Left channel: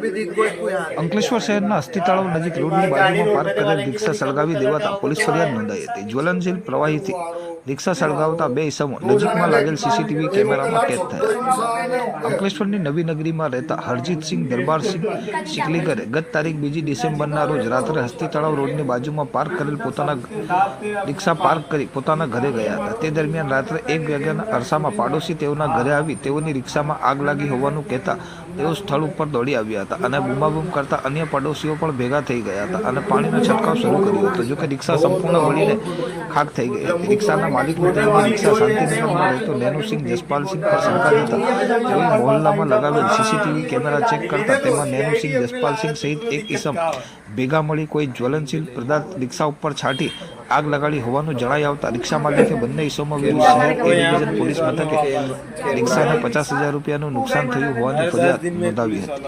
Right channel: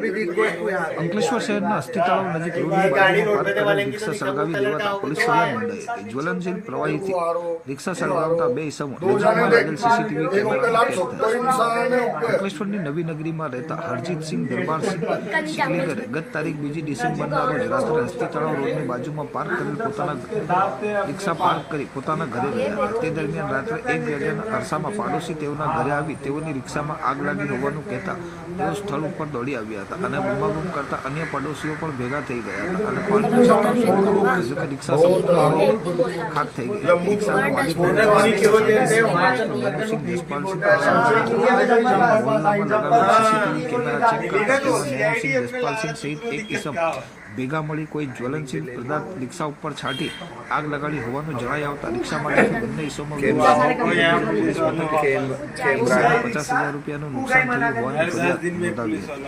અંકલેશ્વર શહેરના અસ્થિ તળાવ નજીક રોડની બાજુમાં પાર્ક કરેલ રિક્ષા સળગાવી દેવાતા પોલીસ ફરિયાદ નોંધાઈ હતી. જ્વલનશીલ પ્રવાહીથી રિક્ષા સળગાવતા બે ઇસમો નજીકમાં લાગેલ સીસીટીવી કેમેરામાં કેદ થયા અંકલેશ્વરની નવી નગરીમાં રહેતા હરજીતસિંહ દરબારસિંહ સિકલીગરે ગત તારીખ બીજી ડિસેમ્બરના રોજ રાત્રે હસ્તી તળાવ રોડની બાજુમાં પાર્ક કરેલ પોતાના રિક્ષા પાર્ક કરી પોતાના ઘરે ગયા હતા. તે દરમિયાન રાત્રે એક વાગ્યાના અરસામાં પાડોશી તેઓના ઘરે આવી તેઓની રિક્ષામાં આગ લાગી હોવાનું કહેતા તેઓ સ્થળ ઉપર દોડી આવ્યા હતા. અને બૂમાબૂમ કરતા અન્ય પડોશીઓ પણ ભેગા થઈ ગયા હતા અને પાણીનો છંટકાવ શરૂ કર્યો હતો. જોકે રિક્ષા સંપૂર્ણ મળીને ખાક થઈ ગઈ હતી. રિક્ષાના માલિક રિક્ષા શાંતિનગરમાં રહેતો નેનુસિંહ જસપાલસિંહ પર શંકા હતા તેઓ મોહલ્લામાં લગાવેલ સીસીટીવી કેમેરા ચેક કરતા તેમાં નેનુસિંહ જસપાલસિંહ સહિત એક ઇસમ ભેગા મળી કોઈ જ્વલનશીલ પદાર્થ રિક્ષા ઉપર છાંટી આગ લગાડી હોવાનું જણાઈ આવતા રિક્ષા માલિકે બંને ઇસમો પોલીસ મથકે રિક્ષાને પચાસ હજાર રૂપિયાનું નુકસાન થયું હોવાની ફરિયાદ નોંધાવી હતી.